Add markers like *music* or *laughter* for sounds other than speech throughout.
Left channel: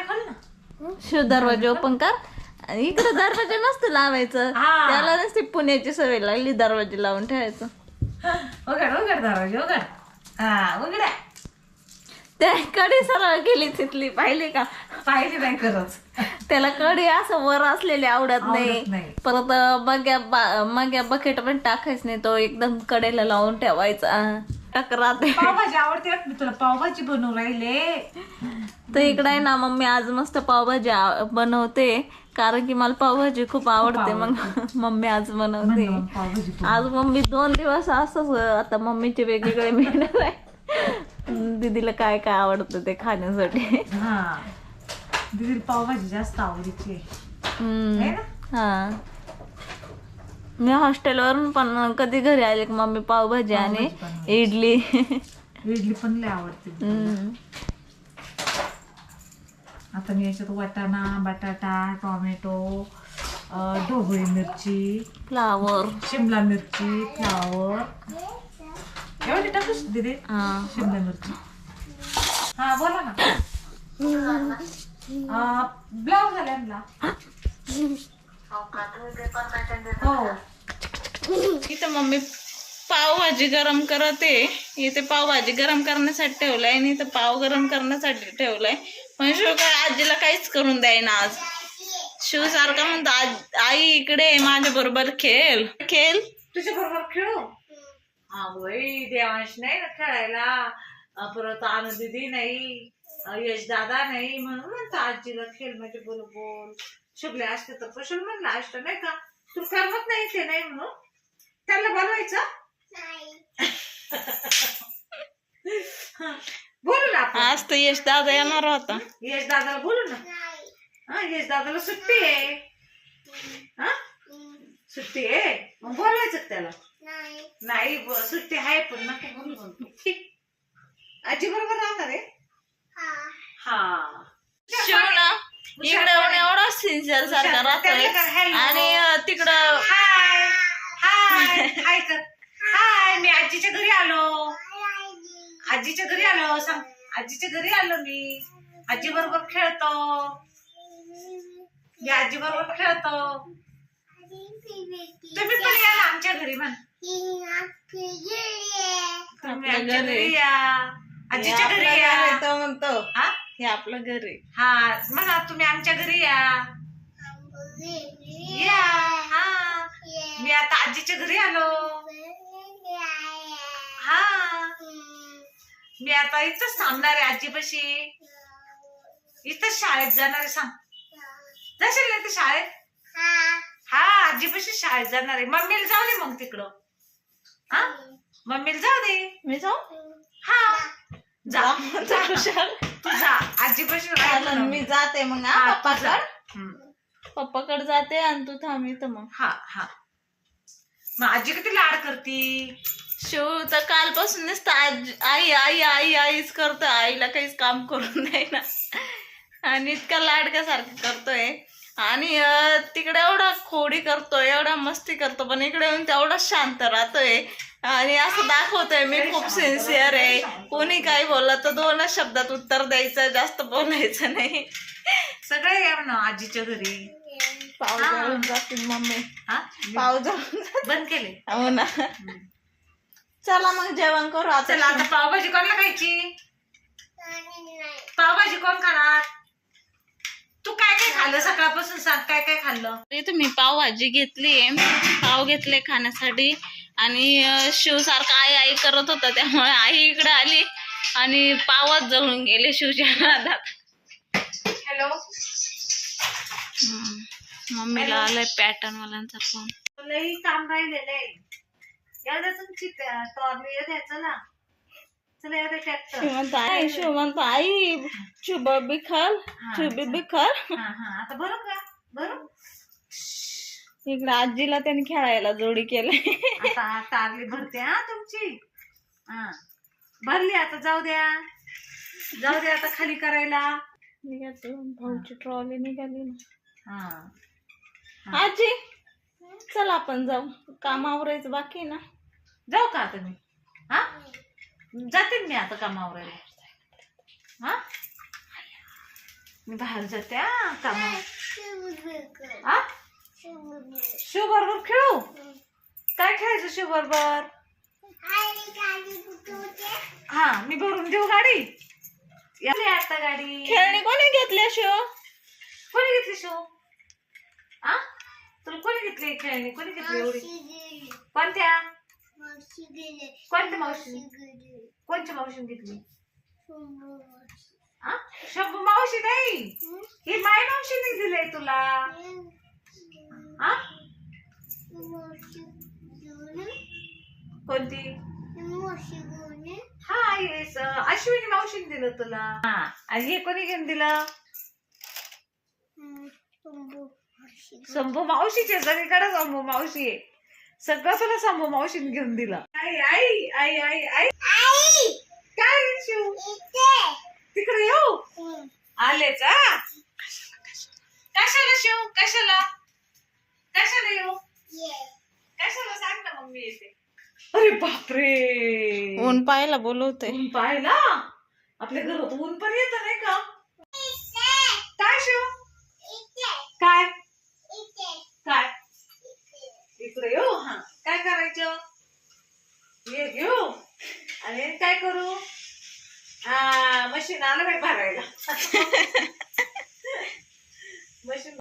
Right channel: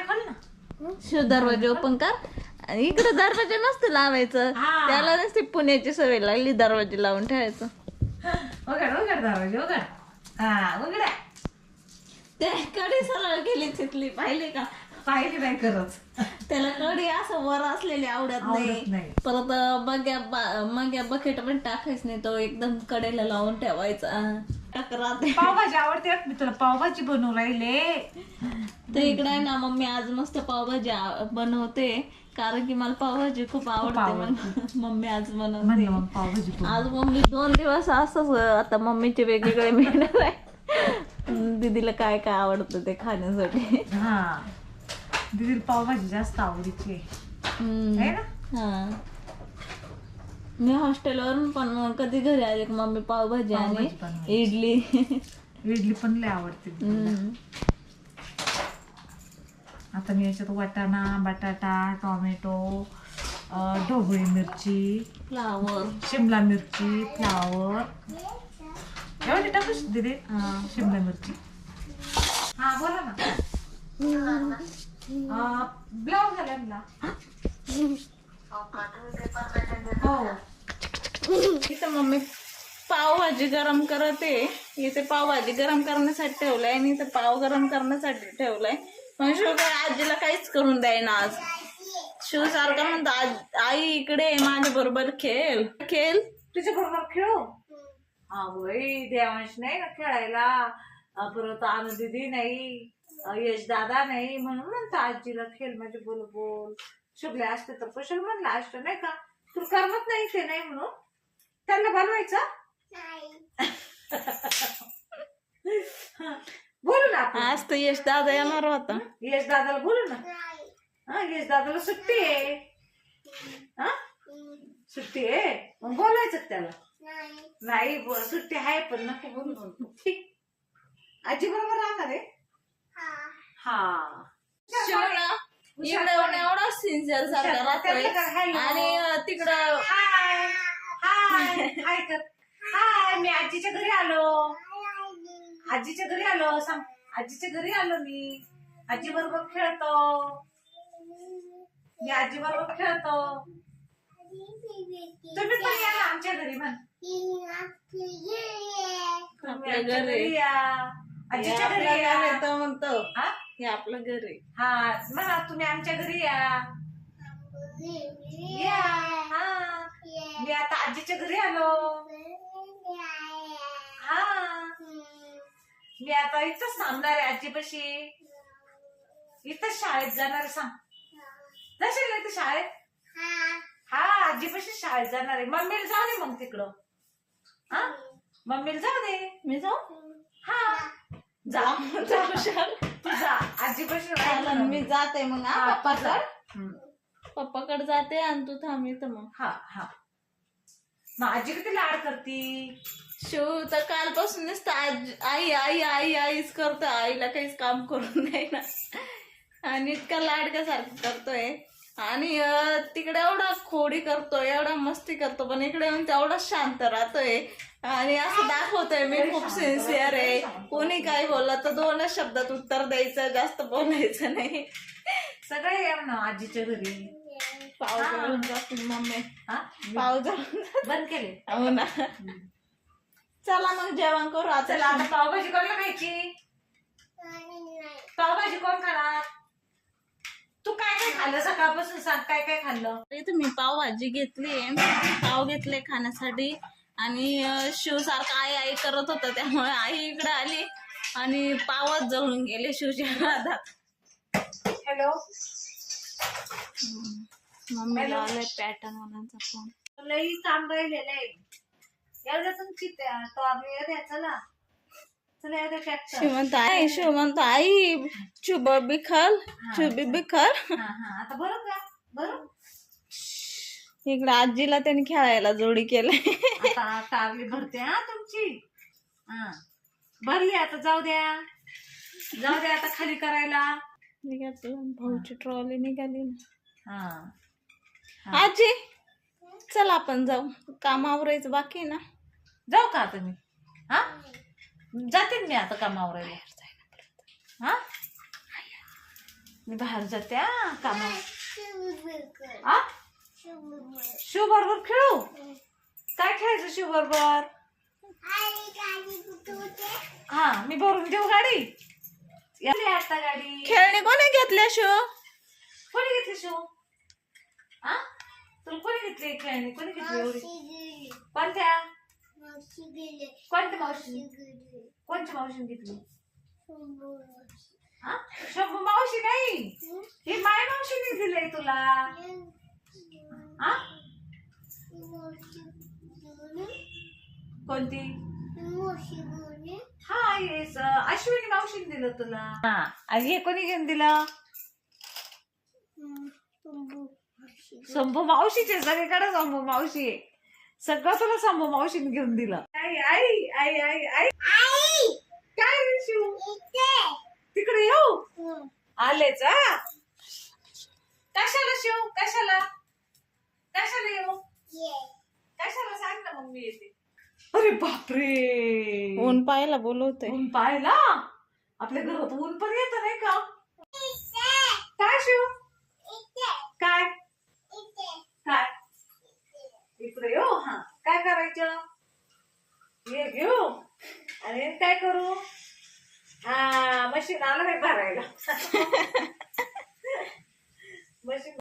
दरवाजा खोल ना. शिव दरवाजा ओपन कर. आणि इकडे दरवाजा नसतं लावायचं. हा. त्याला नसते पुण्याची सवय लागली दरवाजे लावून ठेवायचं. उघड उघड दरवाजा उघड. हा त्या कडी सरळ गेली तिथली पाहिली का? पाहिजे नाही करत त्याला कडी असं वर असलेली आवडत आवडत नाही. नाही. परत मग्या बा- मग्या बकेट पण टाकायच नाही तो एकदम कडेला लावून ठेवायचा. टाक राहते पावभाजी आवडते मी तुला पावभाजी बनवू राहिले. तर इकडे आहे ना मम्मी आज मस्त पावभाजी आ- बनवते. कारण की मला पावभाजी खूप आवडते मग मम्मी आज बनवते. म्हणलं मग पावभाजी बनव. आज मम्मी दोन दिवस असंच आता मम्मीचे वेगवेगळे मिळणार आहे. दीदीला काय काय आवडतं ते खाण्यासाठी. हा. दीदी पावभाजी जास्त आवडीची आहे. हम्म. आहे ना? हा. मी हॉस्टेलवरून पण कधी घरी आले की मम्मी पावभाजी आणि पावभाजी. इडली. इडली पण लय आवडते. आता मी याच्यात वाटाणा बटाटा टोमॅटो ढोबळी मिरची फ्लावर. शिमला मिरची फ्लावर. एवढी दिदी शिमला मिरची. हा बोला ना. ब्लाऊज झाला हो. इथं मम्मी पावभाजी गरम करते. इथे पावभाजी गरम करण्यासाठी ठेवलाय आणि इथं पाव गरम करण्यासाठी ठेवलाय. पण शिव काय आजीला काहीच करून द्यायना आज. शिव सारखा म्हणतो "आज- आई इकडे माझ्या बरोबर खेळ. खेळ? तुझ्या बरोबर खेळू? हा बाई देवांश नाही ना खेळायला. परत परत दिदी नाही. यश दादा नाही म्हणून म्हणतो आजीला खेळ म्हणजे बोल बोल शुभले असते तर कशाला म्हणलं असतं नाही का? तू करमत नाही ते नाही म्हणून? त्यांना बोलवायचं? बोलू ना आपण. आज तर यश दादा येणार होता. यश दादाला बोलू ना. हा यश दादाला सुट्टी आहे. हा? सुट्टी आहे? मग बोलवायचं का त्याला. नाही. ब- सुट्टी आहे पण नका बोलू आजी बरोबर राहणार आहे? हा. शिव ना इकडे एवढा सिन्सिअर सारखा राहतोय. आणि तिकडं हाय हाय हाय मी आजीच्या घरी आलो. आजीच्या घरी आलो सांग. आजीच्या घरी आलो मी. आजी बरोबर खेळतो. मी आजी बरोबर खेळतो. तुम्ही पण या आमच्या घरी म्हण तुम्ही आमच्या घरी. या. आजीच्या घरी या. म्हणतो. हा? हे आपलं घर आहे. हा म्हणा तुम्ही आमच्या घरी या. या हा. मी आता आजीच्या घरी आलो. हा. मी आता इथंच थांबणार आहे आजीपाशी. इथंच शाळेत जाणार आहे सांग. जाशील ना इथे शाळेत? हा आजीपाशी शाळेत जाणार आहे. मम्मीला जाऊ दे मग तिकडं. हा? मम्मीला जाऊ दे. मी जाऊ? हा. जा *laughs* जा कुशाल. तू जा. मी. जाते मग. पप्पाकड? जाते आणि तू थांब इथं मग. हा हा. मग आजी किती लाड करती? शिव तर कालपासून नुसतं आजी आई आई आई आईच करतोय. आईला काहीच काम करून नाही ना. आणि इतका लाडक्यासारखं करतोय. आणि तिकडे एवढा खोडी करतोय एवढा मस्ती करतो पण इकडे येऊन तेवढा शांत राहतोय. आणि असं दाखवतोय मी खूप सिन्सिअर आहे. कोणी काही बोललं तर दोनच शब्दात उत्तर द्यायचं जास्त बोलायचं नाही. सगळे या ना आजीच्या घरी. पाव जळून जातील मम्मी. हा? पाव जळून जातील. बंद केले. हो ना. चला मग जेवण करू आता. चला आता पावभाजी कोणाला खायची पावभाजी कोण खाणार? तू काय काय खाल्लं? सकाळपासून सांग काय काय खाल्लं? मी पावभाजी घेतली पाव घेतले खाण्यासाठी. आणि शिवसारखा आई आई करत होता त्यामुळे आई इकडे आली आणि पावच जळून गेले शिवच्या नादात हॅलो. हम्म. मम्मीला आलाय पॅटर्न वाल्यांचा फोन. लई काम राहिलेलं आहे. म्हणतो आई शिव म्हणतो आई चुब बिखल चुबी बिखल हा हा आता बरं का? बरं इकडे आजीला त्यांनी खेळायला जोडी केलंय आता टारली भरते हा तुमची? हा. भरली आता जाऊ द्या. जाऊ द्या आता खाली करायला. निघाली भाऊची ट्रॉली निघाली ना. हा. आजी चल आपण जाऊ. काम आवरायचं बाकी आहे ना? जाऊ का आता मी? हा? जाते ना मी आता कामावर हा? मी बाहेर जाते हा कामा आ शिव बरोबर खेळू? काय खेळायचं शिव बरोबर हा मी भरून देऊ गाडी? आता गाडी. खेळणी कोणी घेतल्या शो? कोणी घेतली शिव हा तुला कोणी घेतली खेळणी? कोणी घेतली एवढी? कोणत्या? कोणत्या मावशी? कोणत्या मावशीने घेतली? हा शंभू मावशी नाही ही? माय मावशीने दिलंय तुला. हा? कोणती? हा येस. अश्विनी मावशीने दिलं तुला. हा आणि हे कोणी घेऊन दिलं? शंभू मावशीचे सगळीकडे शंभू मावशी. आहे सगळं तुला शंभू मावशीने घेऊन दिलं. आई आई आई आई आई. काय शिव? तिकडे येऊ? आलेच हा? कशाला शिव? कशाला? कशाला येऊ? कशाला सांग ना मम्मी येते. अरे बापरे. ऊन पाहायला बोलवते. ऊन पाहिला आपल्या घरात ऊन पण येत नाही का? काय शिव? काय? काय? इकडे येऊ? हा. काय करायचं? हे घेऊ. आणि काय करू? हा मशीन आलं बाई भरायला *laughs* मशीन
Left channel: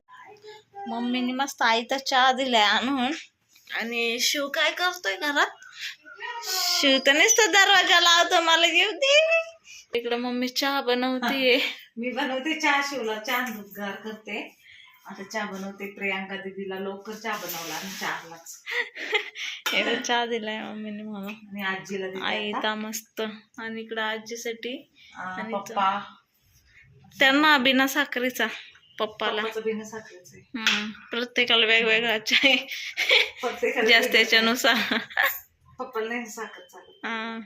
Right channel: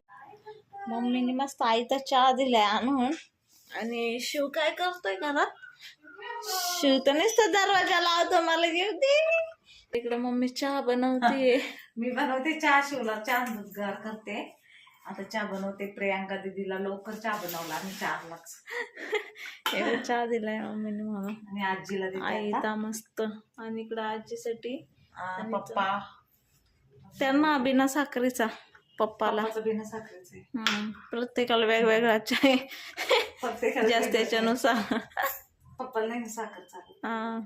मम्मीने मस्त आईचा चहा दिलाय आणून. आणि शिव काय करतोय घरात? शिव तर नुसतं दरवाजा लावतो मला घेऊ दे. इकडे मम्मी चहा बनवते मी बनवते चहा शिवला चहा दूध गार करते. आता चहा बनवते प्रियांका दीदीला लवकर चहा बनवला आणि चार लाख चहा दिलाय मम्मीने मला. आणि आजीला आई. ता मस्त. आणि इकडं आजीसाठी आणि पप्पा. त्यांना बिना साखरेचा. पप्पाला. प्रत्येकाला वेगवेगळा ज्याच वेगळं त्याच्यानुसार हा.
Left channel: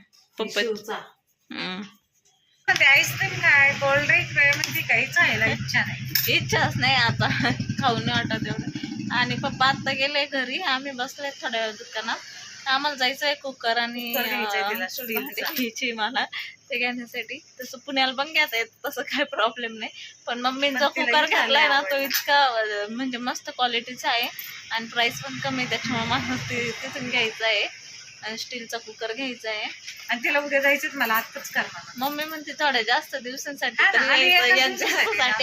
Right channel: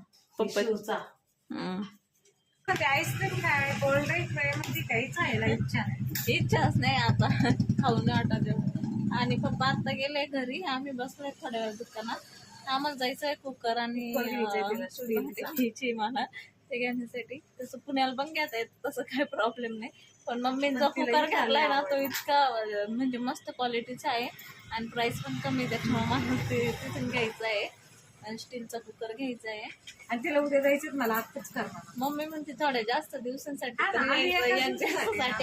ते आईस्क्रीम काय? म्हणजे काहीच खायला इच्छा नाही. इच्छाच नाही आता. खाऊन नाही वाटत एवढं. आणि पप्पा आता गेले घरी. आम्ही बसले थोड्या वेळ दुकानात. आम्हाला जायचंय कुकर आणि घ्यायची मला ते घेण्यासाठी. तसं पुण्याला पण घेता येत तसं काही प्रॉब्लेम नाही. पण मम्मीने जो पण तिला कुकर घेतलाय ना तो. इतका म्हणजे मस्त क्वालिटीचा आहे. आणि प्राइस पण कमी आहे त्याच्यामुळे मला ते तिथून घ्यायचं आहे. आणि स्टीलचा कुकर घ्यायचा आहे. आणि तिला उद्या जायचं मला आत्ताच करणार. मम्मी म्हणते थोड्या जास्त दिवसांसाठी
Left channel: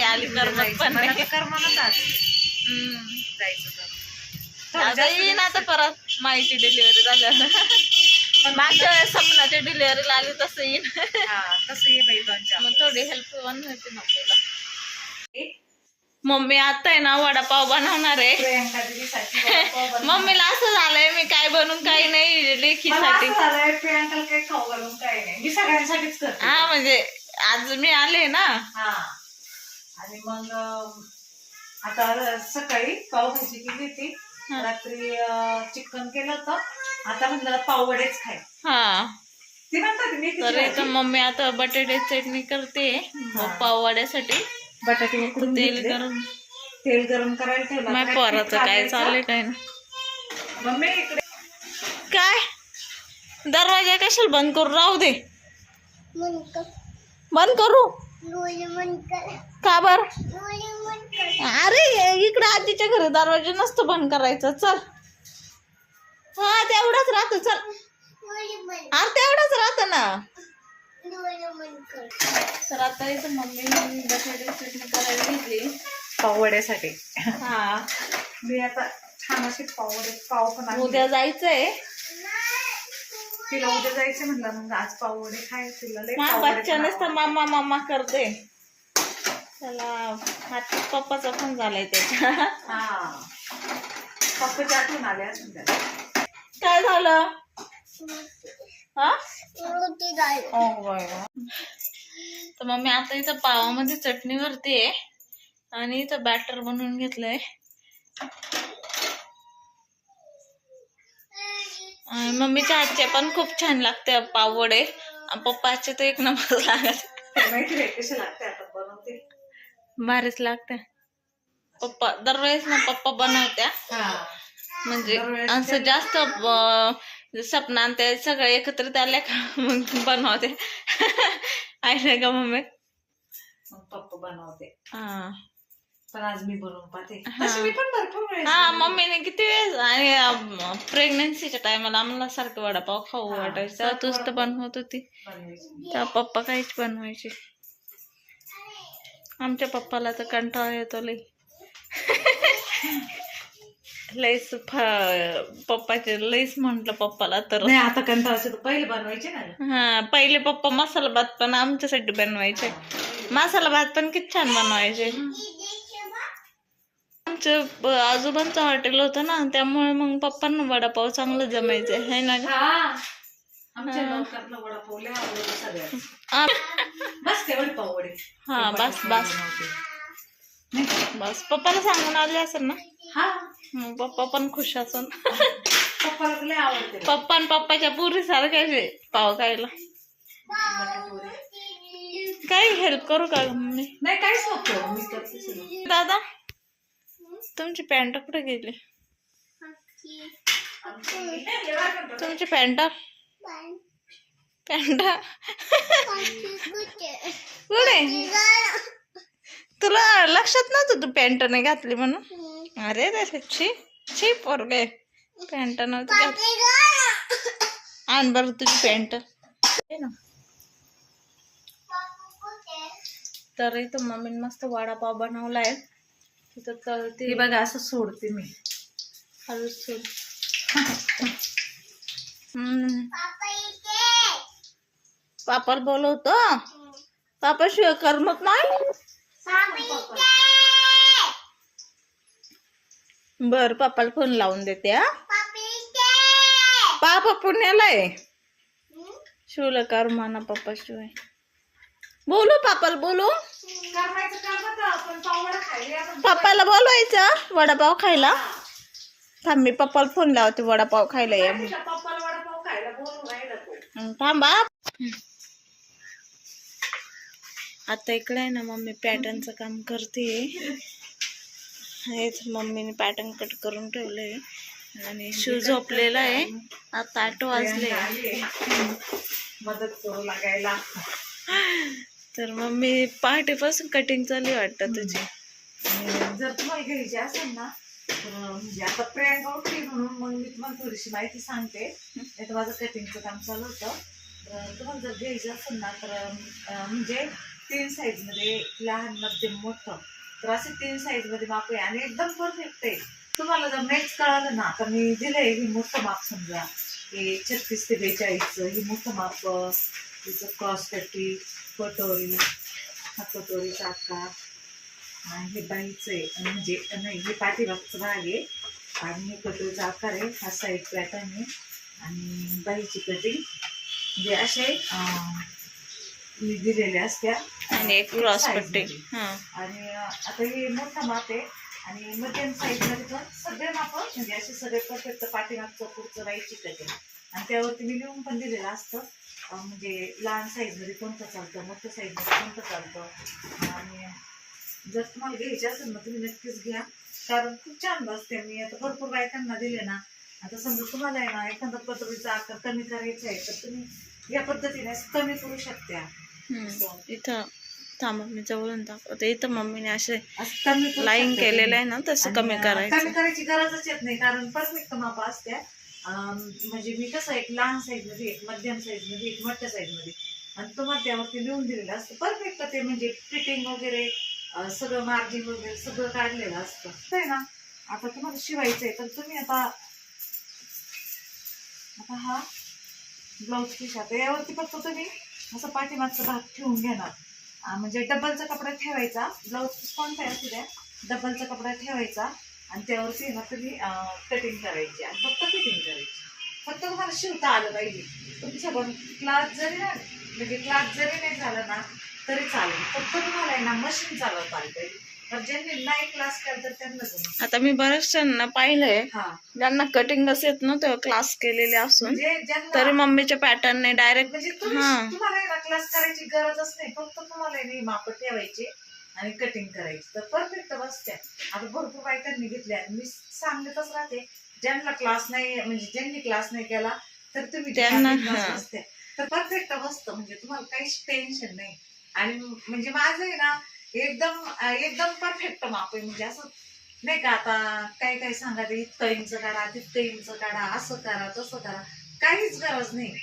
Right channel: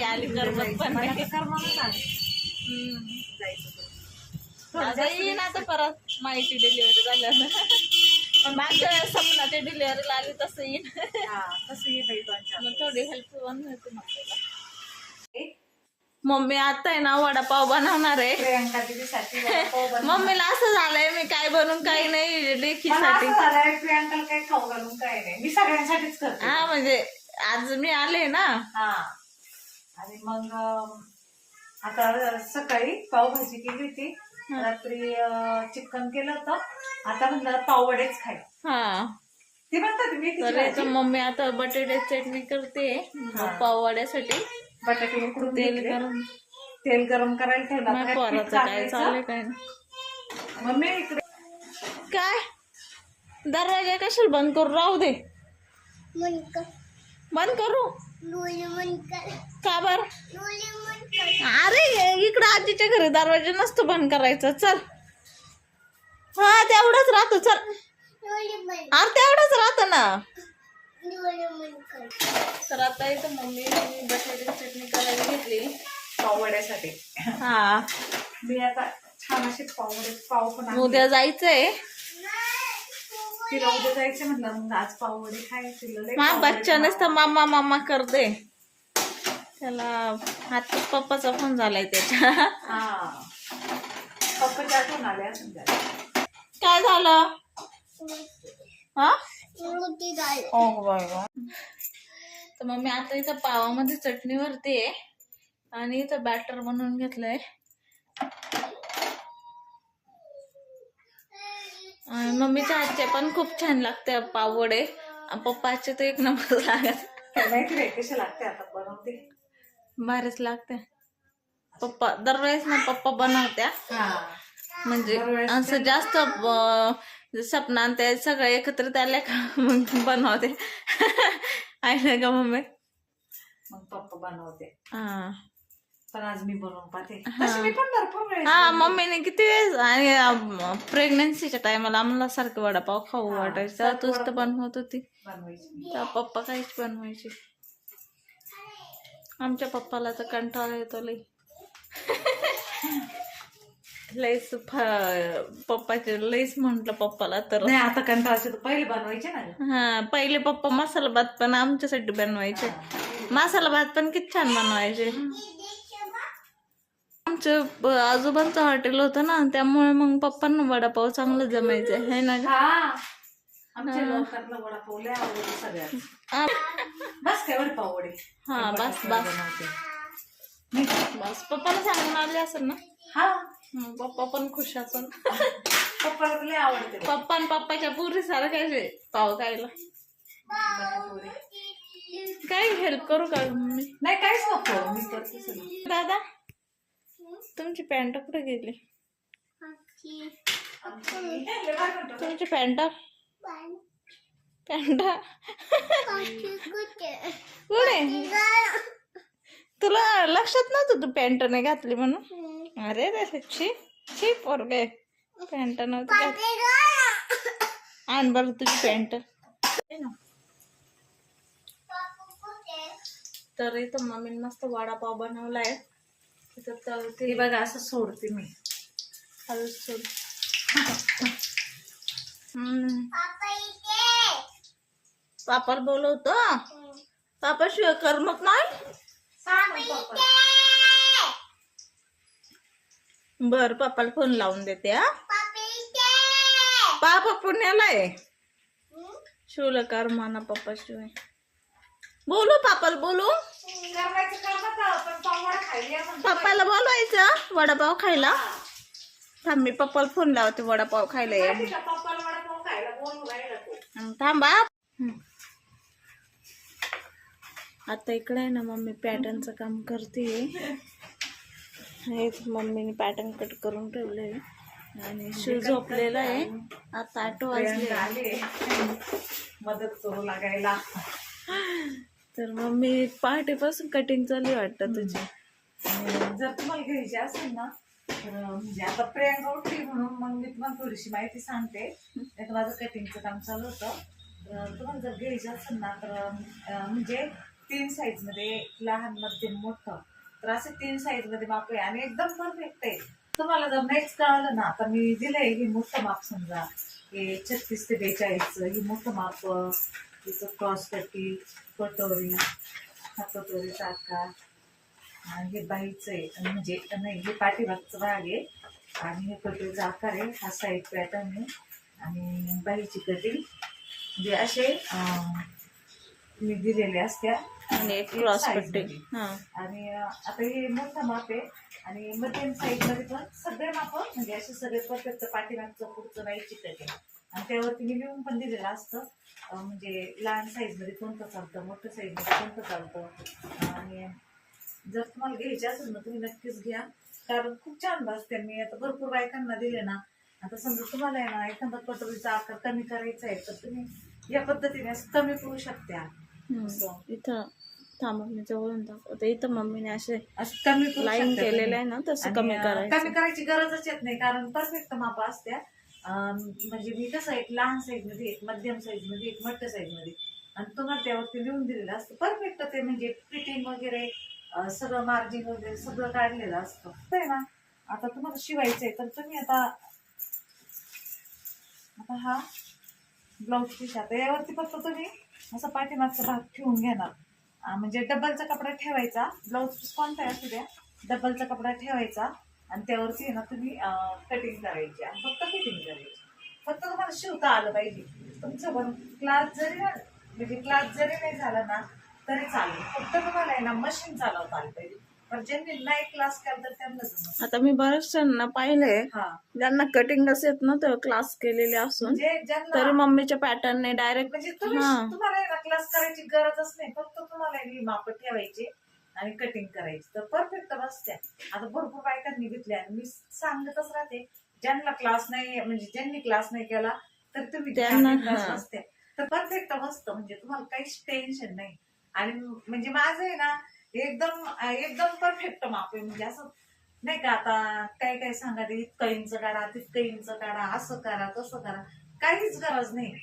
आली करमत जायचं. पण. जायचं आता येईन आता परत. माहिती डिलिव्हरी झाल्यावर पण मागच्या वेळेस सपनाच्या डिलिव्हरीला आली तसं येईन. कसं ये बाई दोन चार मग थोडी हेल्प पण होते आपल्याला मम्मी आता आहे ना वडापाव बनवणार आहे. प्रियांका दीदीसाठी वडापाव बनव. मम्मीला असं झालंय मी काय बनवून काही नाही मला लेखीसाठी असं झालंय प्रियांकाला काही खाऊ घालून काही नाही. मी सगळ्यांसाठीच करते. हा म्हणजे आज मी आले ना. हा. आणि मग अं, आता सकाळी पावभाजी केली होती. रात्री चिकन केलं होतं. आता म्हणलं पाववडेच खाय. हा. ती म्हणतात मी तर इथं मम्मी आता बटाटे चटणी करते. पाव वड्यासाठी बटाटे उकडून तेल घेतले. गरम. तेल गरम करायला ठेवलं. माझ्या आता पोराचं पीठ काय. चाललंय काय ना मम्मी इकडे. काय? दरवाजा कशाला बंद करू? राहू दे. बंद करू? का बर? अरे इकडं आजीच्या घरी दरवाजा नसतो बंद करायचा. चल. हा तेवढंच राहतो. चल. अरे तेवढंच राहतो ना. तर आता इथं मम्मी बटाटे चटणी करायला घेतली पाववड्यासाठी. हा. मी आता छान असे पाववडे पाव पण. उद्या जायचंय. तिला उद्या जायचं म्हणलं मग आज पाववडे खाय तिला बच्चा नुसतं मामा मामा करते त्याला आता पप्पाचा फोन झालाय त्याच्या हा. पप्पाच्या आठवण आल्या काय झालं? हा. तर मग मी आता इथं पावामध्ये चटणी भरते आणि इथं बॅटर बनवून घेतलंय. मम्मीच्या हातचे पण खूप छान लागते पाववडे आणि पप्पाचे तर एक नंबर लागत. लागते आता बनवते भारीच लागते पप्पा दरवेळेस ना पप्पा बनवत्या. हा. म्हणजे असं जास्त सपना ते सगळं एकत्रित आल्या का मग बनवते. आहे ना का मम्मी? मग पप्पा बनवते. हा. पण आज मी बनवून पाहते. तशी मी पण भरपूर वेळेस हा. मम्मीने किती वेळेस आणि प्रेग्नन्सीच्या टायमाला आम्हाला सारखं वडापाव खाऊ वाटायचं. तूच तर. बनवत होती. बनवायची. त्या पप्पा काहीच बनवायचे. आमच्या पप्पाला तर कंटाळा येतो लई. लईच फ- पप्पाचे लईच म्हंटल पप्पाला तर. नाही आता कंटाळाचे तर पहिले बनवायचे ना. हा पहिले पप्पा मसाला भात पण आमच्यासाठी बनवायचे. मसाला भात पण किती छान बनवायचे. आमचं ब- आजोबांचं हॉटेल होतं ना त्यामुळे मग पप्पांना वडापाव चांगलं जमायचे है ना? हा. आमच्या बस हा बस बस. पप्पाला सांगून आले असेल ना? हा. पप्पा पण खुश असेल पप्पा आणि पप्पाच्या पुरी सारख्याचे पाव खायला. काही हेल्प करू का मम्मी? नाही काहीच नको. मी दादा? तुमची पॅन्ट कुठे गेली? तुमची पॅन्ट? पॅन्ट? कुठे? तुला लक्षात नव्हतं तू पॅन्ट नाही घातली म्हणून? अरे रे छी छी पोरगे. पॅन्ट नव्हती आण बरं तुझी पॅन्ट. ना. तर इथं मम्मीने मस्त वडापाव बनवलाय. तिथं तर ती ते बघा असं सोडते मी. हळूच सोड. पापाला बोलवतो? पापा शिवाय करमत नाही? बर पापाला फोन लावून देते हा. पापा पुण्याला आहे शिवला कर म्हणा पप्पा शिवाय. बोलू पापाला बोलू. करमायचं काम आता पण पावडा खायला आपण पप्पाला बोलवायचं वडापाव खायला. थांब मी पप्पाला फोन लावते वडापाव खायला ये. म्हणून. तुझ्या पप्पाला वडापाव खायला बोलू राहिला तो हं, थांबा. आता इकडे आहे ना मम्मी पॅटर्नचं काम करते हेच मम्मीने पॅटर्न कट करून ठेवलंय. आणि शू झोपलेला आहे. आता आठ वाजले. मदत करू लागायला. तर मम्मी पहाटेपासून कटिंग चालू वाटतं तुझी. जर तुम्हाला घ्यायची असेल ना तर म्हणजे आता प्रियांका उठली म्हणून मग मी तुम्हाला थोडीशी माहिती सांगते. नाही तर माझं कटिंगचं काम चालू होतं. अं, तुम्हाला जर घ्यायचं असेल ना तर अं, म्हणजे तीन साईजमध्ये लहान मध्यम मोठं तर असे तीन साईजमध्ये माप आहे आणि एकदम परफेक्ट आहे. तुम्हाला जर नाहीच कळालं ना आता मी दिलंय ही मोठं माप समजा. हे छत्तीस ते बेचाळीसचं ही मोठं माप तिचं क्रॉस पट्टी कटोरी हा कटोरीचा आकार आणि हे बाईचं आहे आणि म्हणजे नाही हे पाठीमागचं भाग आहे. आणि हे कटोरीचा आकार आहे हा साईड पॅटर्न आहे. आणि बाईची कटिंग म्हणजे असे दिलेले असत्या. आणि क्रॉस पट्टी आणि आता हे मोठं माप आहे. आणि मध्यम साईजमध्ये पण सगळे माप म्हणजे असे सगळे परफेक्ट पाठीमागचं पुढचं बाईची कटिंग आणि त्यावरती मी लिहून पण दिलेलं असतं. म्हणजे लहान साईजमध्ये कोणतं चालतं मोठं साईजमध्ये कोणतं चालतं? आणि जर तुम्हाला घ्यायचे असेल ना तुम्ही नक्कीच घ्या. कारण खूप छान बसते मी आता भरपूर बायकांना दिले ना. आता समजा तुम्हाला आहे ना एखादा कटोरीचा आकार कमी करायचा आहे तर तुम्ही या पद्धतीने कमी करू शकता. हम्म. इथं थांबा मी जवळून दाखवते. इथं मम्मीने असे कमी लाईन केलेलं. आहे ना तसं कमी करायचं. कमी करायची गरजच येत नाही कारण परफेक्ट माप असत्या म्हणजे मी कसं एक लहान साईजमध्ये एक मध्यम साईजमध्ये एक मोठ्या साईजमध्ये आणि तुम्हाला त्यावरती लिहून दिलेलं असतं. परफेक्ट ते म्हणजे फिटिंग वगैरे सगळं मार्जिन वगैरे सगळं काढलेलं असतं. आहे ना? आता तुम्हाला शिवायचं आहे तर तुम्ही आता आता हा ब्लाऊज पीस आता यावरती फक्त तुम्ही असं पाठीमागचा भाग ठेवून घेणार. म्हणजे डबलचा कपडा ठेवायचा. ब्लाऊज पीस कोणता असू द्या डबलचा कपडा ठेवायचा. आणि त्यावरती ना तुम्ही कटिंग करायची आणि फक्त फिटिंग करायची. फक्त तुम्हाला शिवता आलं पाहिजे. तुमचं पण क्लास जरी म्हणजे क्लास जरी नाही झाला ना तरी चालेल. फक्त तुम्हाला आहे ना मशीन चालवता आलं पाहिजे. आता मी बऱ्याच जणांना पाहिलंय. हा. ज्यांना कटिंगच येत नव्हतं क्लास केलेले असून म्हणजे तरी मम्मीच्या पॅटर्नने डायरेक्ट म्हणजे तुम्ही. तुम्हाला क्लास करायची गरजच नाही. फक्त तुम्हाला माप ठेवायची. आणि कटिंग करायची. तर परफेक्ट बसत्या आता भरपूर बायकांनी घेतल्या. आणि मी सांगतच राहते ज्यांना क्लास नाही म्हणजे ज्यांनी क्लास नाही केला तर तुम्ही त्यांना. बसत्या तर परफेक्ट बसतं. म्हणजे तुम्हाला काहीच टेन्शन नाही. आणि म्हणजे माझं आहे ना एकदम एकदम परफेक्ट माप आहे. म्हणजे असं नाही का आता काय काय सांगा ते इतकं इंच काढा तितकं इंच काढा असं करा तसं करा. काहीच गरज नाही.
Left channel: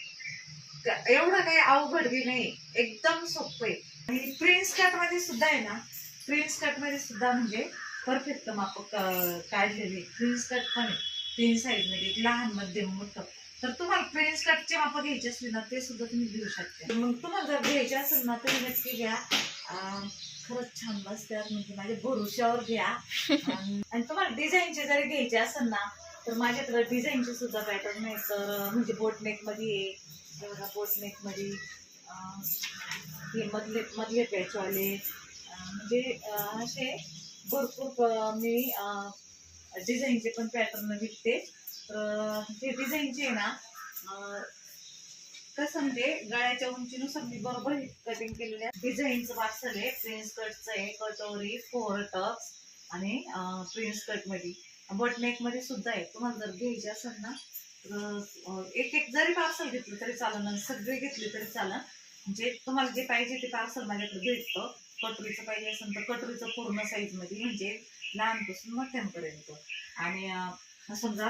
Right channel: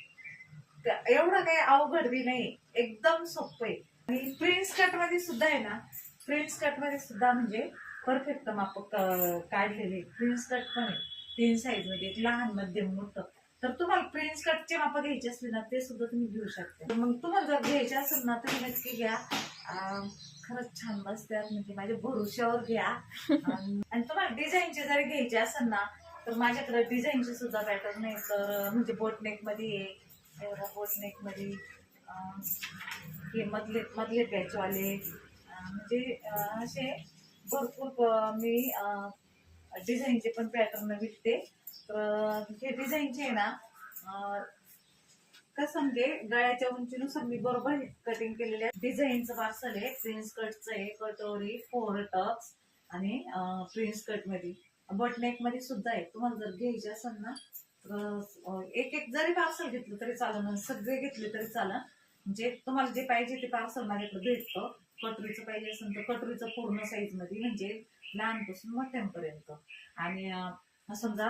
एवढं काही अवघड बी नाही. एकदम सोपं आहे. आणि प्रिन्स कटमध्ये सुद्धा आहे ना प्रिन्स कटमध्ये सुद्धा म्हणजे परफेक्ट माप क- काढलेले प्रिन्स कट पण आहे. तीन साईजमध्ये लहान मध्यम मोठं. तर तुम्हाला प्रिन्स कटचे माप घ्यायचे असले ना ते सुद्धा तुम्ही घेऊ शकते. मग तुम्हाला जर घ्यायचे असेल ना तर नक्की घ्या. खरंच छान बसतात म्हणजे माझ्या भरोश्यावर घ्या. आणि तुम्हाला डिझाईनचे जरी घ्यायचे असेल ना तर माझ्याकडे डिझाईनचे सुद्धा पॅटर्न आहे. तर म्हणजे बोटनेकमध्ये आहे. एवढा बोटनेकमध्ये हे मधले मधले पॅचवाले म्हणजे असे भरपूर मी डिझाईनचे पण पॅटर्न विकते. तर हे डिझाईनचे आहे ना कसं म्हणजे गळ्याच्या उंचीनुसार मी बरोबर कटिंग केलेले डिझाईनचं पार्सल आहे प्रिन्स कटचं आहे कटोरी फोर टक्स आणि प्रिन्स कटमध्ये. मध्ये मध्ये सुद्धा आहे. तुम्हाला जर घ्यायचे असेल ना तर एक एक जरी पार्सल घेतलं तरी चालेल सगळे घेतले तरी चालेल. म्हणजे तुम्हाला जे पाहिजे ते पार्सल माझ्याकडे भेटतं. कटोरीचं पाहिजे असेल तर कटोरीचं पूर्ण साईजमध्ये म्हणजे लहानपासून मोठ्यांपर्यंत. आणि समजा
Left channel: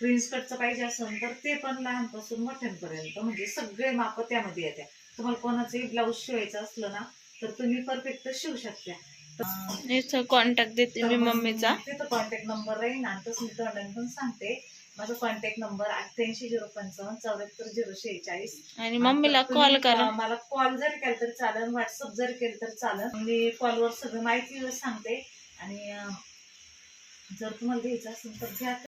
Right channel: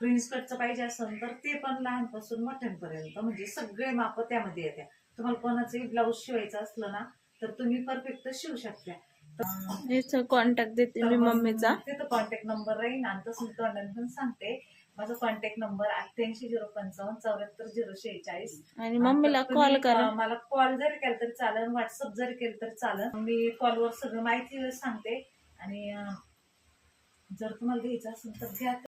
प्रिन्स कटचं पाहिजे असेल तर ते पण लहानपासून मोठ्यांपर्यंत म्हणजे सगळे माप त्यामध्ये येत्या. तुम्हाला कोणाचंही ब्लाऊज शिवायचं असलं ना तर तुम्ही परफेक्ट शिवू शकता. कॉन्टॅक्ट देते मी मम्मीचा. तिथं कॉन्टॅक्ट नंबर राहील आणि तसं मी तोंडाने पण सांगते. माझा कॉन्टॅक्ट नंबर अठ्ठ्याऐंशी झिरो पंचावन्न चौऱ्याहत्तर झिरो शेहेचाळीस. आणि मम्मीला कॉल करा. मला कॉल जरी केला तरी चालेल व्हॉट्सअप जरी केलं तरी चालेल. मी कॉलवर सगळं माहिती सांगते. आणि जर तुम्हाला घ्यायचं असेल तर घ्या.